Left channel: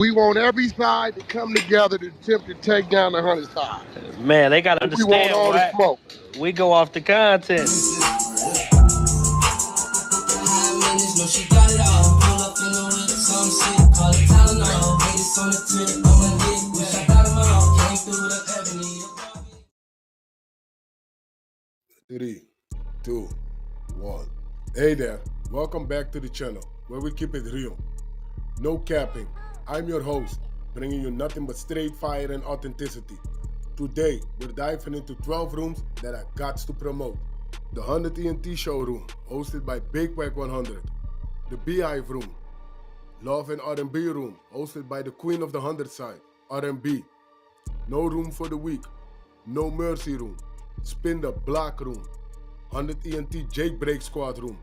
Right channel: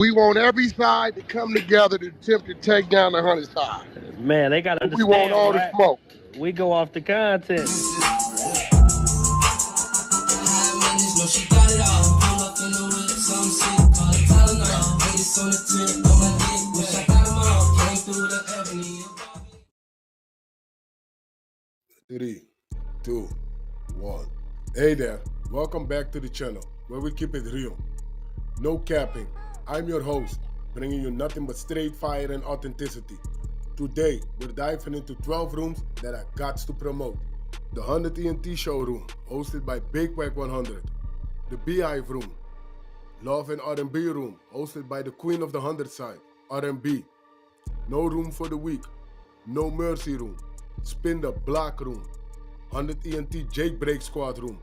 We want every side to come together to attempt to take down the 100 side. Man, they gotta We want understand, all the Wack. smoke. We go off the content. Three, two, one. Hey there, welcome back to the channel where we keep it real. No capping. I'm your host, bringing you nothing but straight fire and authenticity. Today, we're diving into 12 rooms that I got to promote. The 100 ENT showroom, hosted by Big Wack100. The Beehive room. Love and R&B room, hosted by the queen of the 100 side, R&B. No room for the weak. No mercy room. Spin the block room. 100 ENT Jailbreak Squad room.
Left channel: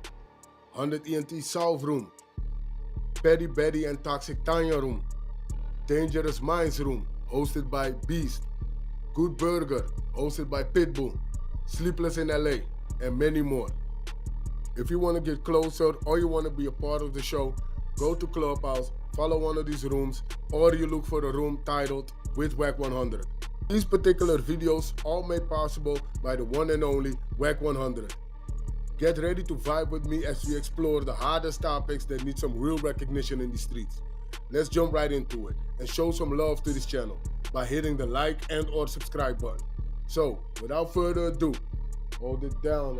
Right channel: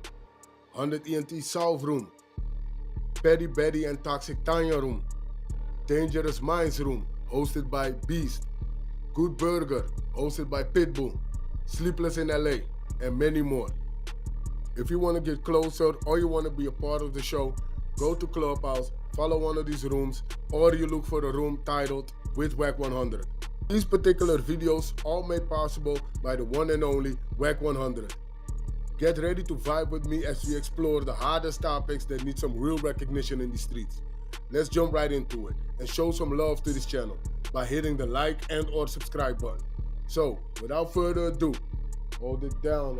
100 ENT South room. Petty Betty and Toxic Tanya room. Dangerous Minds room, hosted by Beast. Good Burger, hosted by Pitbull. Sleepless in LA, and many more. If you want to get closer or you want to be a part of the show, go to Clubhouse, follow one of these rooms, or you look for a room titled with Wack100. These particular videos all made possible by the one and only Wack100. Get ready to vibe with me as we explore the hardest topics that need some real recognition in the streets. Let's jump right into it and show some love to this channel by hitting the like and or subscribe button. So, without further ado, hold it down.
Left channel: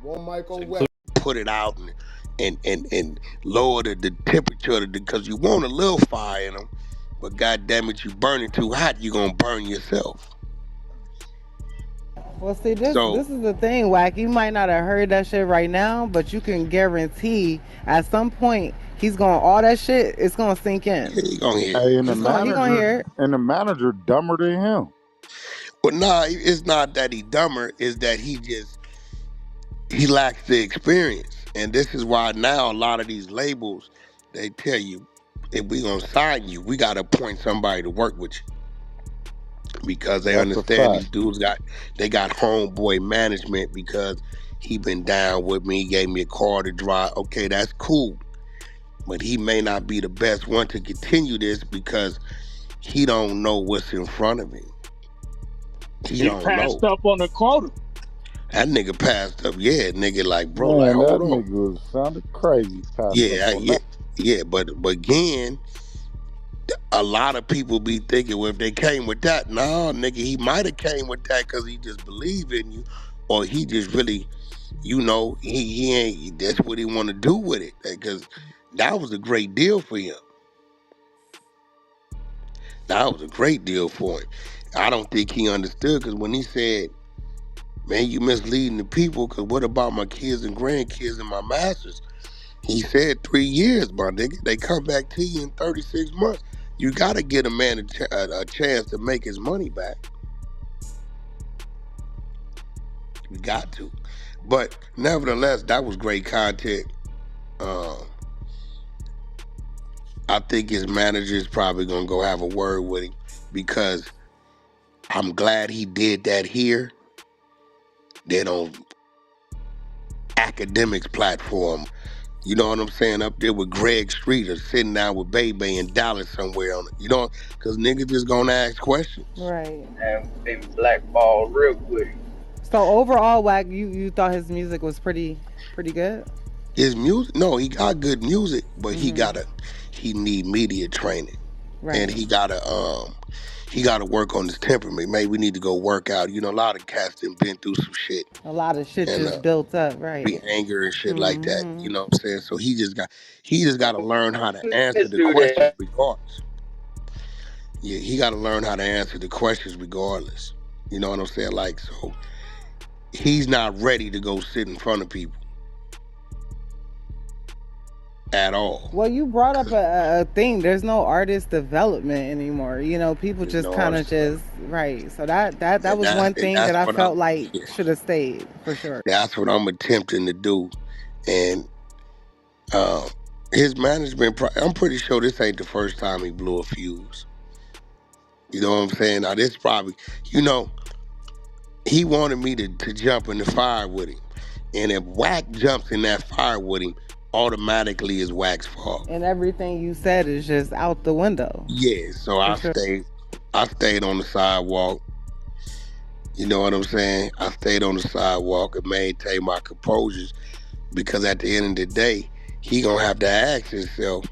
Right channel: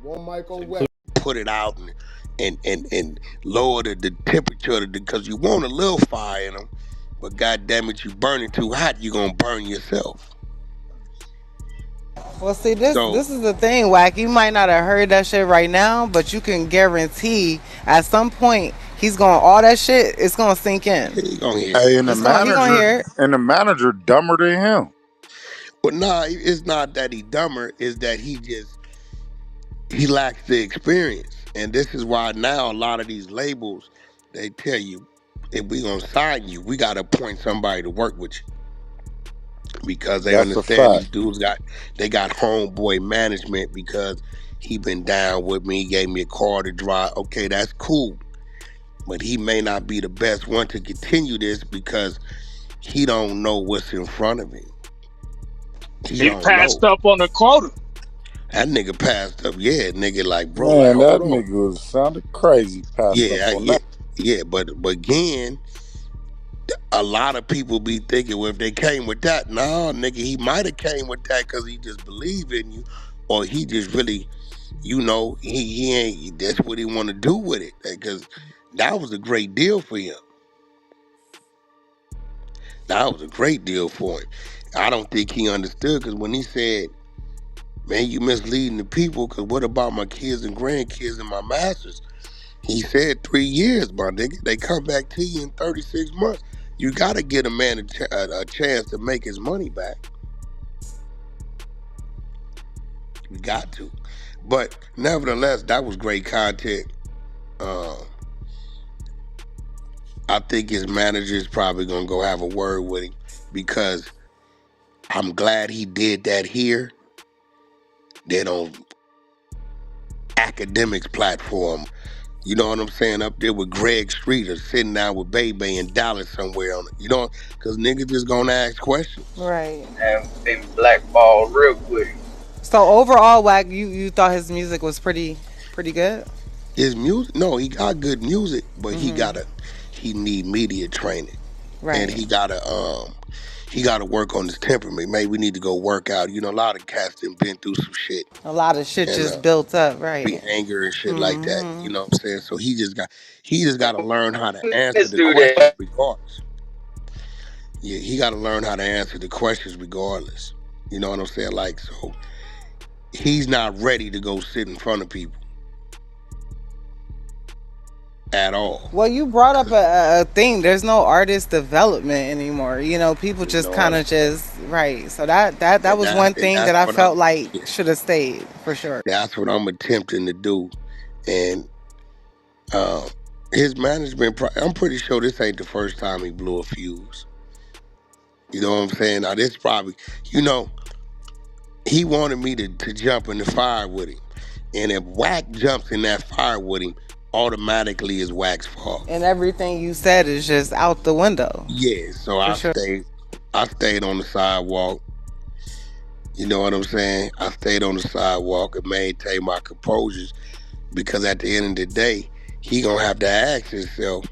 One mic on Wack. Put it out and lower the temperature because you want a little fire in them, but god damn it, you burn it too hot, you gonna burn yourself. Well, see, this So is the thing, Wack. You might not have heard that shit right now, but you can guarantee at some point he's going all that shit. It's gonna sink in. yeah, you gonna hear it. Hey, and He gonna hear it. the manager dumber than him. Well, nah, it's not that he dumber, it's that he lacks the experience. And this is why now a lot of these labels, they tell you, if we gonna sign you, we gotta appoint somebody to work with you. Because they That's a understand these fact. dudes got homeboy management because he been down with me, he gave me a car to drive. Okay, that's cool. But he may not be the best one to continue this because he don't know what's in front of him. He don't passed know. up on the quota. That nigga passed up. Yeah, nigga, like, bro, Man, like, that hold on. nigga was sounded crazy. But again, a lot of people be thinking, well, if they came with that, no, nigga, he might have came with that because he just believe in you, or he just really, he ain't. That's what he want to do with it, because that was a great deal for him. That was a great deal for him. I don't think he understood, because when he said, man, you misleading the people, because what about my kids and grandkids and my masters? He said 3 years, my nigga. They come back to you in 36 months. You got to get a man a chance to make his money back. You got to. But nevertheless, that was great content. I think his manager is probably going to go have a word with him, because I'm glad he did that here. Then on academics platform, you know what I'm saying, up there with Greg Streeter, sitting down with Bebe in Dallas somewhere on it, because niggas just gonna ask questions. Right. And they blackballed real quick. So overall, Wack, you thought his music was pretty good. His music, no, he got good music, but he need media training, Right. and he gotta work on his temperament. Maybe we need to go work out. A lot of cats that been through some shit, A lot of shit and just built up. Right. be anger and shit like that. You know what I'm saying? So he just got to learn how to answer the questions regardless. Yeah, he got to learn how to answer the questions regardless. You know what I'm saying? Like, so he's not ready to go sit in front of people at all. Well, you brought up a thing. There's no artist development anymore. People just kind of right. So that was one thing that I felt like should have stayed for sure. That's what I'm attempting to do, and his management. I'm pretty sure this ain't the first time he blew a fuse. You know what I'm saying? Now this probably, he wanted me to jump in the fire with him, and if Wack jumps in that fire with him, automatically is Wack's fault. And everything you said is just out the window. Yeah, so For sure. I stayed on the sidewalk. You know what I'm saying? I stayed on the sidewalk and maintained my composure because at the end of the day, he gonna have to ask himself,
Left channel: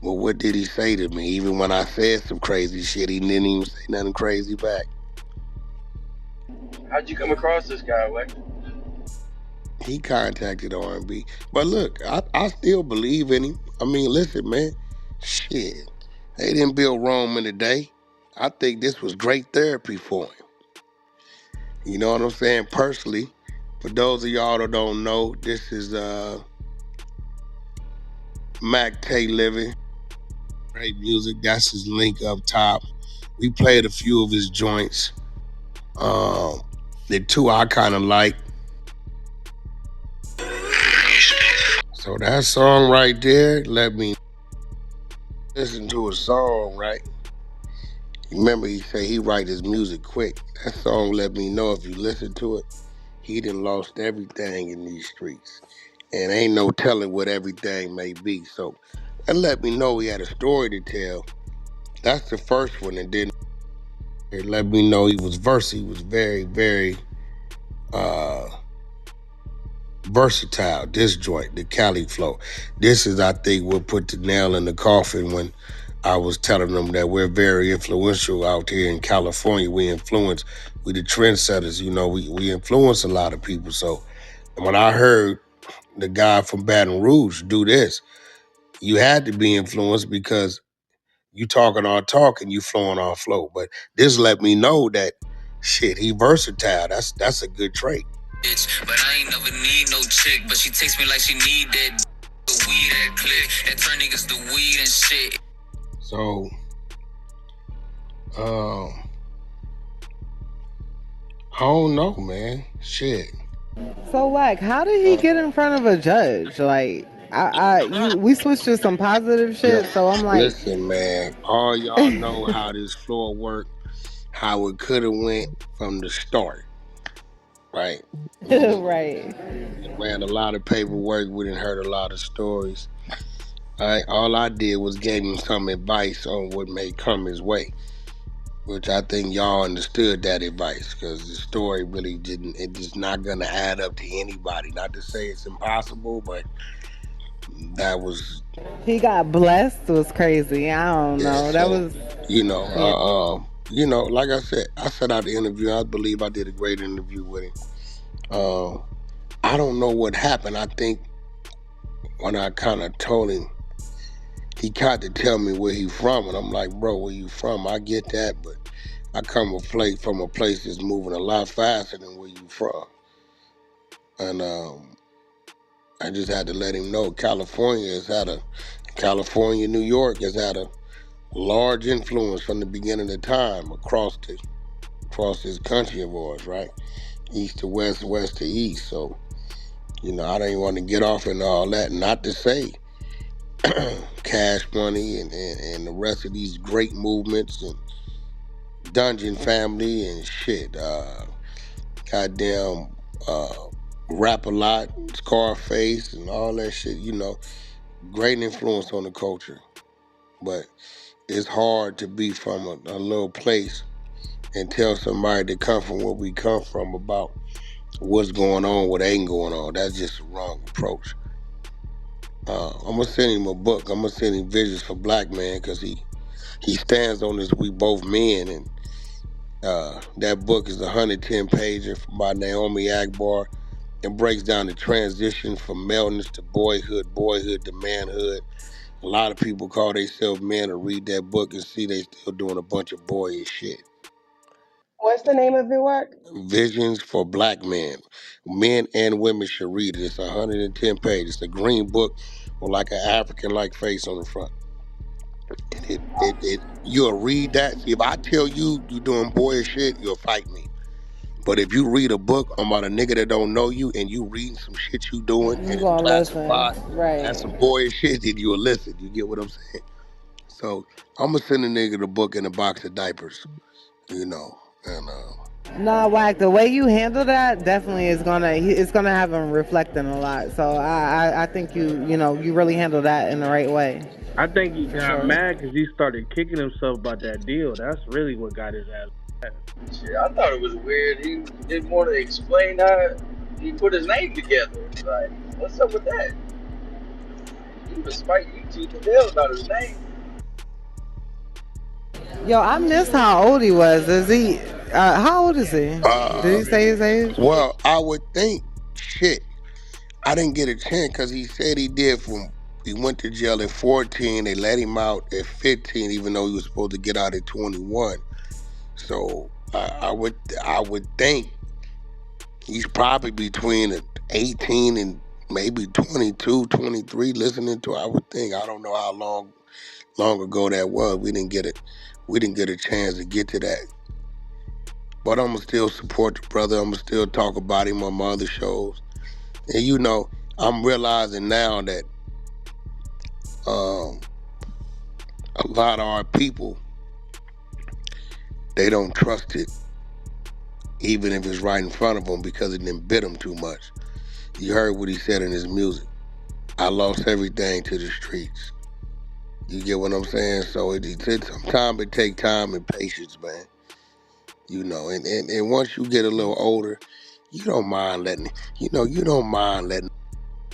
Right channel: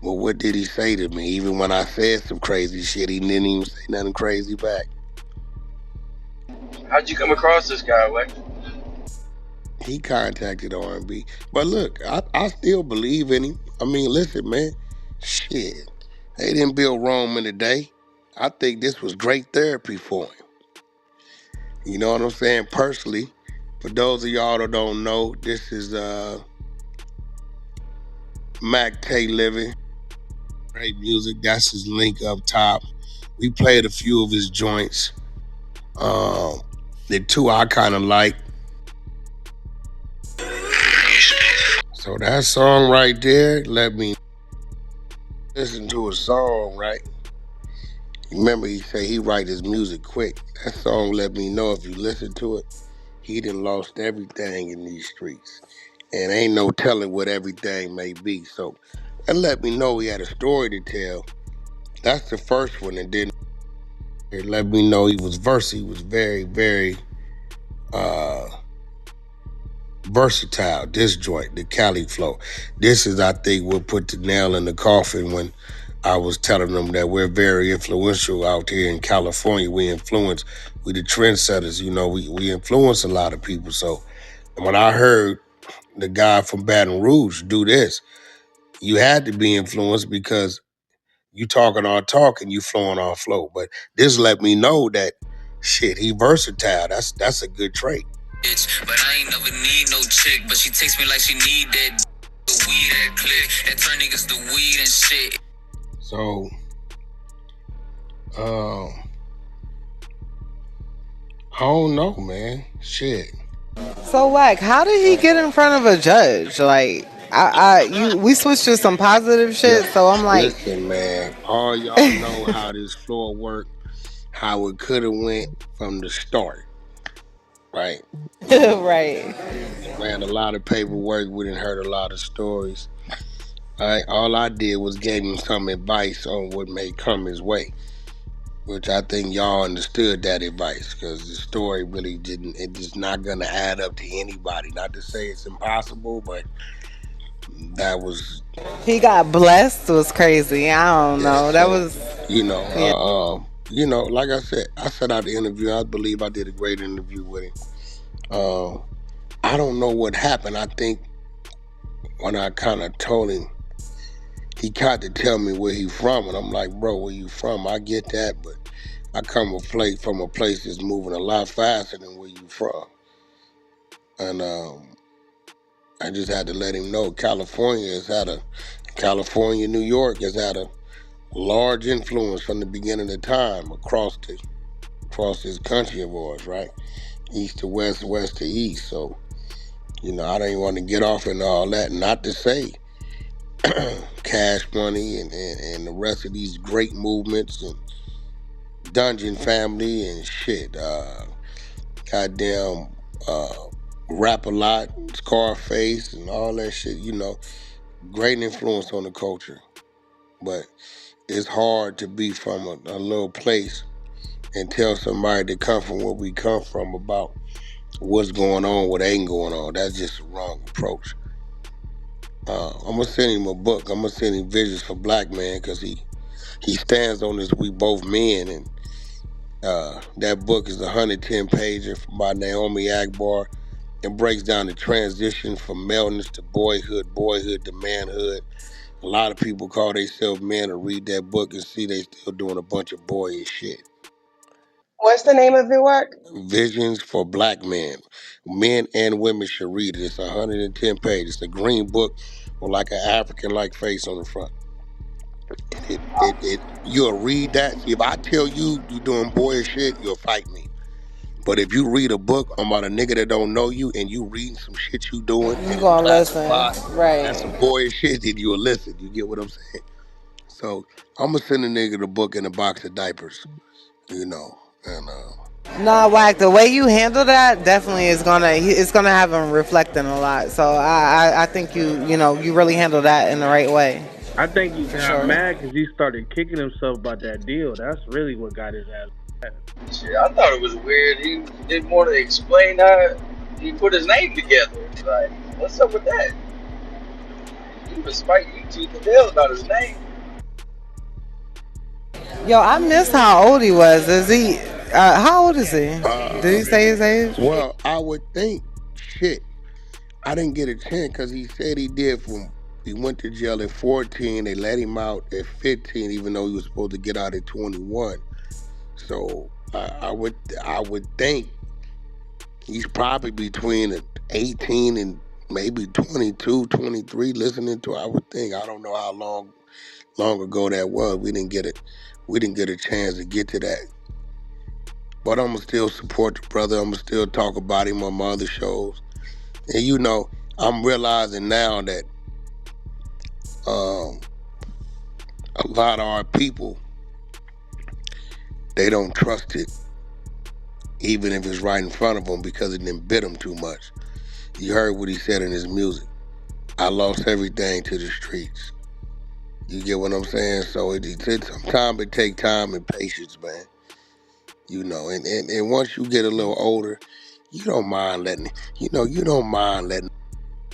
well, what did he say to me? Even when I said some crazy shit, he didn't even say nothing crazy back. How'd you come across this guy, Wack? He contacted R&B. But look, I still believe in him. I mean, listen, man, shit. They didn't build Rome in a day. I think this was great therapy for him. You know what I'm saying? Personally, for those of y'all that don't know, this is Mac Tay Living. Great music. That's his link up top. We played a few of his joints. The two I kind of like. So that song right there, let me listen to a song, right? Remember, he said he write his music quick. That song let me know if you listen to it, he done lost everything in these streets. And ain't no telling what everything may be. So that let me know he had a story to tell. That's the first one. And then it let me know he was versatile. He was very, very versatile. This joint, the Cali flow. This is, I think, what put the nail in the coffin when I was telling them that we're very influential out here in California. We the trendsetters, you know, we influence a lot of people. So when I heard the guy from Baton Rouge do this, you had to be influenced because you talking our talk and you flowing our flow. But this let me know that shit, he versatile. That's a good trait. But I ain't never need no chick, but she takes me like she need that the weed that click that turn niggas to weed and shit. So, I don't know, man. Shit. So Wack, how did he get in front of a judge? Like, we switched to some positive shit. So I'm like, listen, man. All y'all know how this floor worked, how it could have went from the start, right? right. Ran a lot of paperwork. We didn't heard a lot of stories. All I did was gave him some advice on what may come his way, which I think y'all understood that advice because the story really didn't. It's just not gonna add up to anybody. Not to say it's impossible, but that was. He got blessed was crazy. I don't know. That So was you know, like I said out the interview. I believe I did a great interview with him. I don't know what happened. I think when I kind of told him, he tried to tell me where he from, and I'm like, bro, where you from? I get that, but I come from a place that's moving a lot faster than where you from. And I just had to let him know California, New York has had a large influence from the beginning of time across this country of ours, right? East to west, west to east. So, you know, I don't want to get off into all that. Not to say Cash Money and the rest of these great movements and Dungeon Family and shit. Goddamn Rap a Lot, Scarface and all that shit, you know, great influence on the culture. But it's hard to be from a little place and tell somebody to come from where we come from about what's going on, what ain't going on. That's just a wrong approach. I'm gonna send him a book. I'm gonna send him Visions for Black Man because he stands on this We Both Men, and that book is a 110 pager by Naomi Akbar. It breaks down the transition from maleness to boyhood to manhood. A lot of people call themselves men to read that book and see they still doing a bunch of boyish shit. What's the name of the work? Visions for Black Men. Men and women should read it. It's 110 pages. It's a green book with like an African-like face on the front. You'll read that. If I tell you doing boyish shit, you'll fight me. But if you read a book about a nigga that don't know you and you reading some shit you doing you and it's gonna listen, classified as right? some boyish shit, then you'll listen. You get what I'm saying? So I'm gonna send a nigga the book in a box of diapers, you know, and No, Wack, the way you handle that definitely is it's gonna have him reflecting a lot. So I think you really handle that in the right way, I think he for got sure. mad because he started kicking himself about that deal. That's really what got his ass mad. Shit, I thought it was weird. He didn't want to explain how he put his name together. Like, what's up with that? He was fighting you tooth and nail about his name. Yo, I missed how old he was. Is he? How old is he? Did Uh, he say his age? well, I would think, shit, I didn't get a chance because he said he did he went to jail at 14. They let him out at 15, even though he was supposed to get out at 21. So I would think he's probably between 18 and maybe 22, 23. Listening to, I would think. I don't know how long ago that was. We didn't get a chance to get to that. But I'm gonna still support the brother. I'm gonna still talk about him on my other shows. And I'm realizing now that um, a lot of our people, they don't trust it, even if it's right in front of them, because it didn't bit them too much. You heard what he said in his music. I lost everything to the streets. You get what I'm saying? So sometimes it take time and patience, man. And once you get a little older, you don't mind letting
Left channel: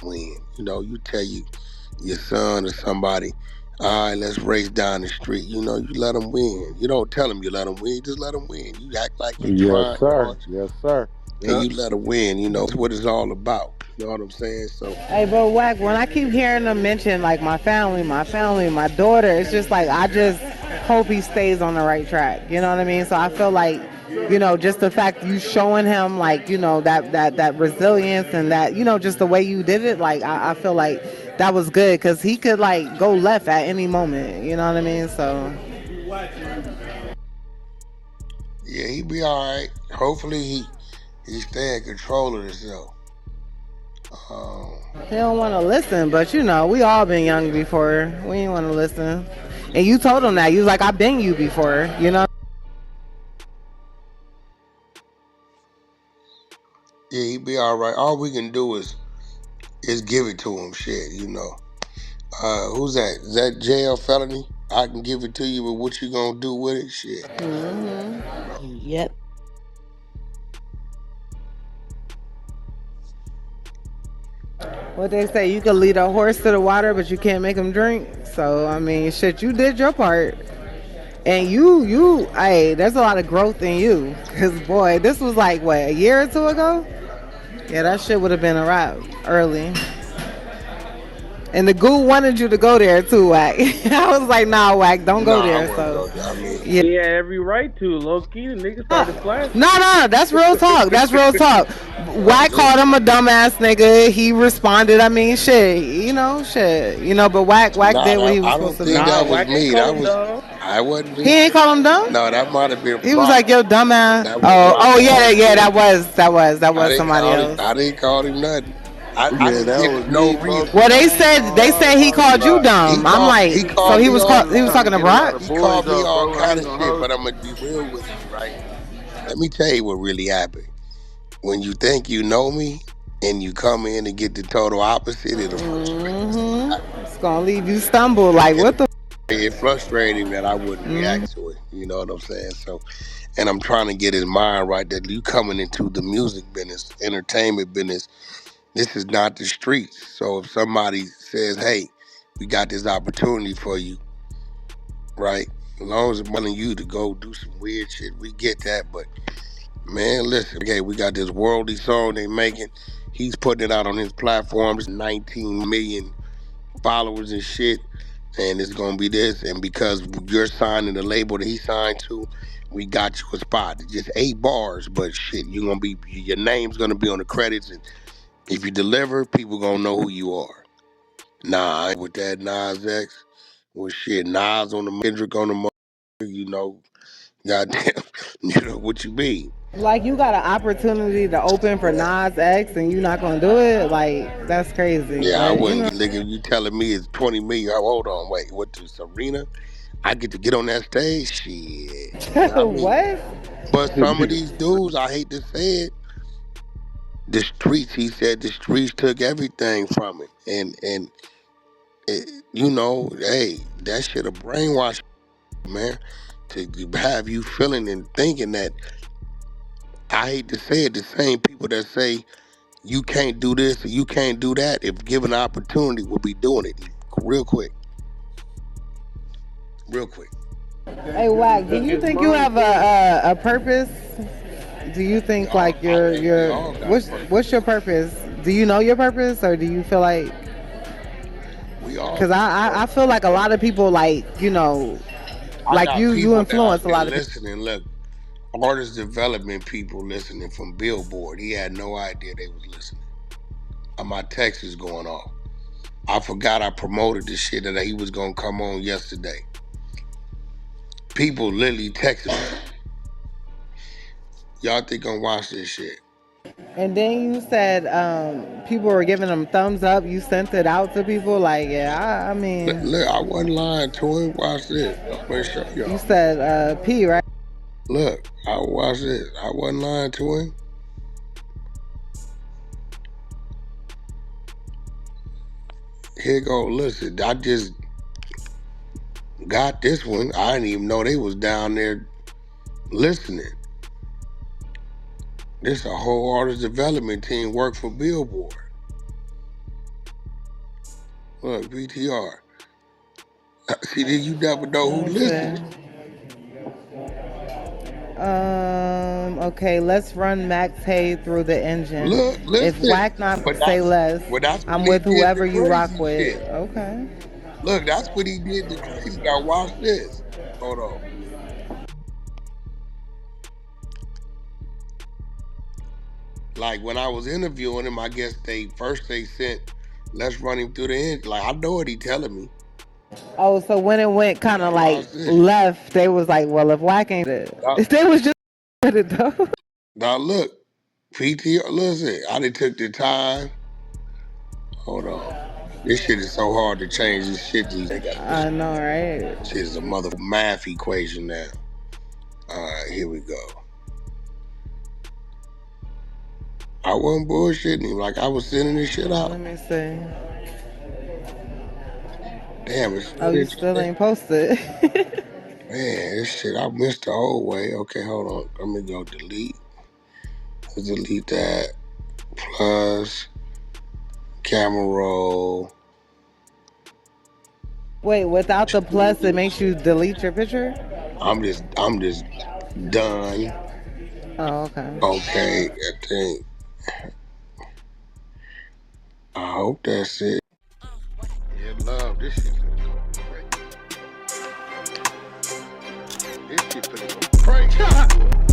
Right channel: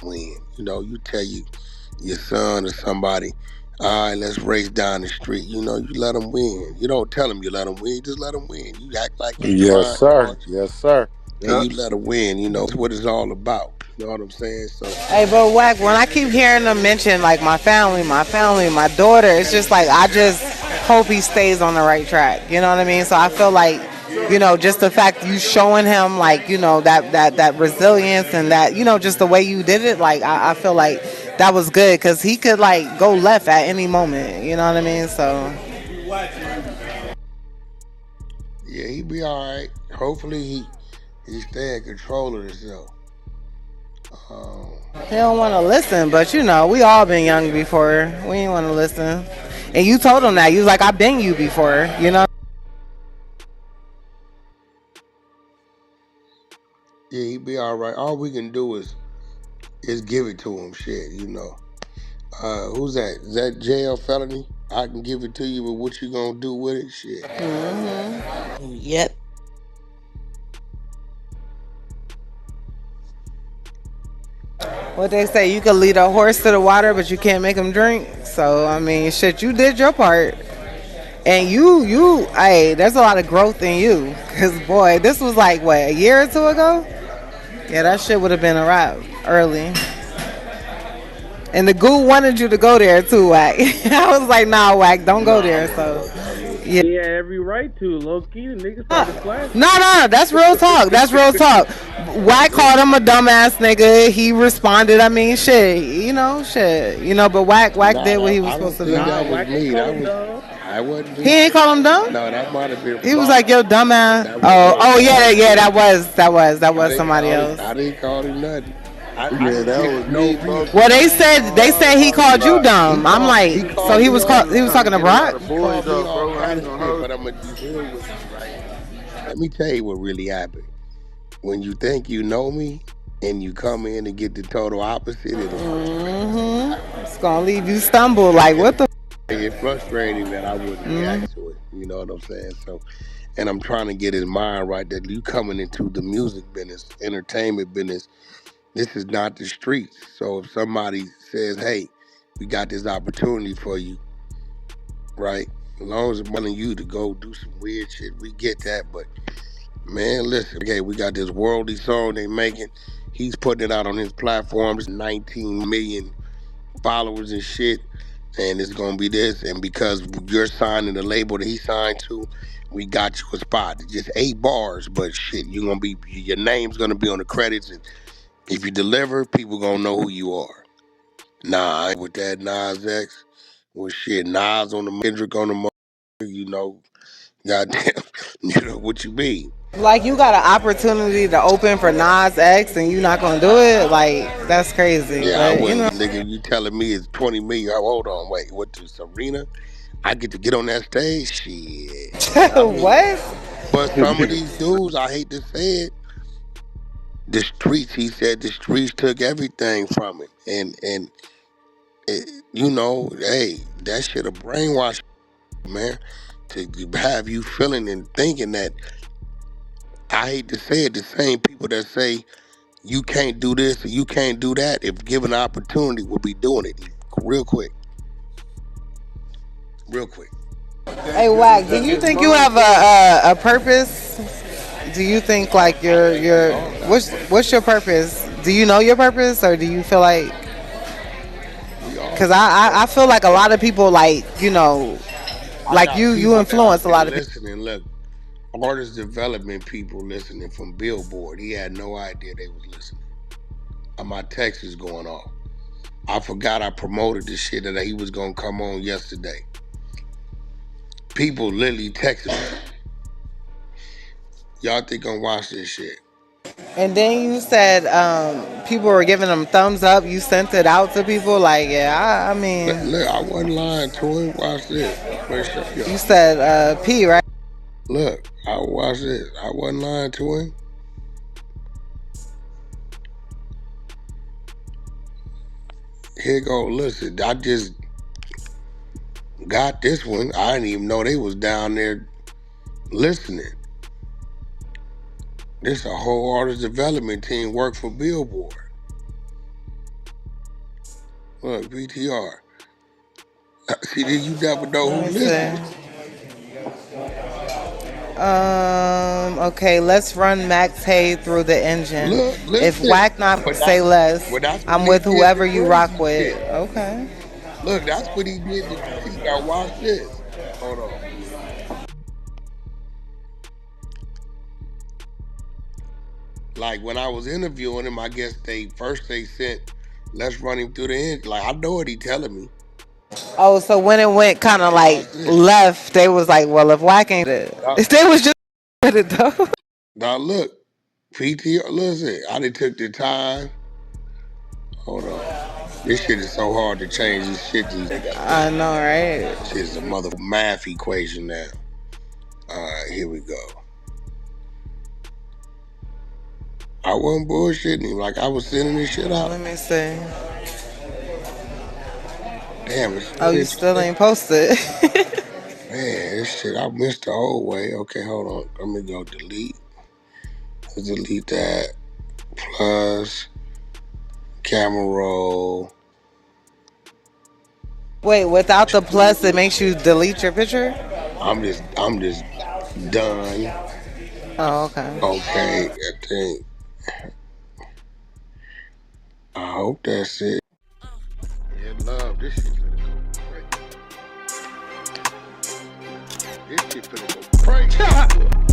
win. You tell your son or somebody, all right, let's race down the street. You let them win. You don't tell them you let them win. You just let them win. You act like you Yes, trying sir. hard, Yes, sir. and Yep. you let them win. That's what it's all about. You know what I'm saying? So, Hey, but Wack, when I keep hearing them mention like my family, my daughter, it's just like I just hope he stays on the right track. You know what I mean? So I feel like, just the fact you showing him like, that resilience and that, just the way you did it, like I feel like that was good because he could like go left at any moment. You know what I mean? So yeah, he be all right. Hopefully, he stay in control of himself. Um, he don't want to listen, but we all been young before. We ain't want to listen. And you told him that. You was like, I've been you before, you know? yeah, he be all right. All we can do is give it to him. Shit. Who's that? Is that jail felony? I can give it to you, but what you gonna do with it? Shit. Yep. What they say, you can lead a horse to the water, but you can't make him drink. So, I mean, shit, you did your part. And hey, there's a lot of growth in you. Because, boy, this was like, what, a year or two ago? Yeah, that shit would have been a wrap early. And the goo wanted you to go there, too, Wack. I was like, nah, Wack, don't go Nah, I there. wouldn't So, go there. I mean, yeah. He had every right to. Low key, the nigga started flashing. No, that's real talk. That's real talk. Wack called him a dumbass nigga. He responded. I mean, shit. Shit. But Wack nah, did what he was I supposed don't to do. think Nah, that was Wack ain't me. call him dumb. I wasn't. He ain't call him dumb. No, that might have been He was Rock. like, "Yo, dumbass." That Oh, wasn't oh yeah, called yeah. me. That was didn't somebody call him. else. I didn't call him nothing. I Yeah, just that didn't was know me, me. bro. Well, Cause they I ain't said gonna they lie, said he called you bro. He dumb. I'm called. like, He so called he me was all. he was Trying to talking to get a lot Brock. of He boys called me up, all bro. I kind ain't of gonna shit. hold But I'm gonna be real with you, right? Let me tell you what really happened. When you think you know me, and you come in and get the total opposite, it'll frustrate the fuck out of It's gonna leave you stumble. Like me. what the? It frustrated him that I wouldn't react to it. You know what I'm saying? So, and I'm trying to get his mind right that you coming into the music business, entertainment business. This is not the streets. So if somebody says, "Hey, we got this opportunity for you," right? As long as it's wanting you to go do some weird shit, we get that. But man, listen, okay, we got this worldly song they making. He's putting it out on his platforms, 19 million followers and shit. And it's gonna be this, and because you're signing the label that he signed to, we got you a spot. It's just 8 bars, but shit, your name's gonna be on the credits, and if you deliver, people gonna know who you are. Nah, I ain't with that Nas X, with shit Nas on the Kendrick on the you know, goddamn, you know what you mean. Like you got an opportunity to open for Nas X and you not gonna do it? Like that's crazy. Yeah, I But wouldn't. Nigga, you telling me it's 20 million? Hold on, wait, what? To Serena? I get to get on that stage, shit. I mean, What? but some of these dudes, I hate to say it, the streets. He said the streets took everything from him, and you know, hey, that shit a brainwash, man. To have you feeling and thinking that, I hate to say it, the same people that say you can't do this or you can't do that, if given an opportunity, will be doing it real quick, real quick. Hey, Wack, do you think you have a purpose? Do you think like I your think we your all got what's your purpose. purpose? Do you know your purpose, or do you feel like? We all Because got I purpose. feel like a lot of people like I like got you people that influence out a there lot of people. listening. Look, artist development people listening from Billboard. He had no idea they was listening. My text is going off. I forgot I promoted the shit that he was gonna come on yesterday. People literally texting me. Y'all think I'm watch this shit? And then you said people were giving them thumbs up. You sent it out to people like, yeah, I mean, Look, I wasn't lying to him. Watch this. I'm gonna show you y'all. said P, right? Look, I watch this. I wasn't lying to him. Here go. Listen, I just got this one. I didn't even know they was down there listening. This a whole artist development team work for Billboard. Look, BTR. See, you never know Let who me listening. see. Okay, let's run Max Hay through the engine. Look, If listen. Whack not But say less, that's when I'm he with did the whoever you rock crazy with. shit. Okay. Look, that's when he did the crazy. Now watch this. Hold on. Like when I was interviewing him, I guess they sent, let's run him through the end. Like I know what he telling me. Oh, so when it went kind Now of like watch this. left, they was like, well, if Whack ain't it, Now, if they was just with it though. now look, PTR. Listen, I done took the time. Hold on. This shit is so hard to change this shit these days. They got this I know, right? shit is a mother math equation now. Alright, here we go. I wasn't bullshitting him, like I was sending this shit out. Let me see. Damn, it's Oh, still you still interesting. ain't posted. Man, this shit, I missed the old way. Okay, hold on. Let me go delete. Let's delete that. Plus, camera roll. Wait, without the plus, it makes you delete your picture? I'm just done. Oh, okay. Okay, I think. I hope that's it. Yeah, love. This shit finna go crazy. This shit finna go crazy.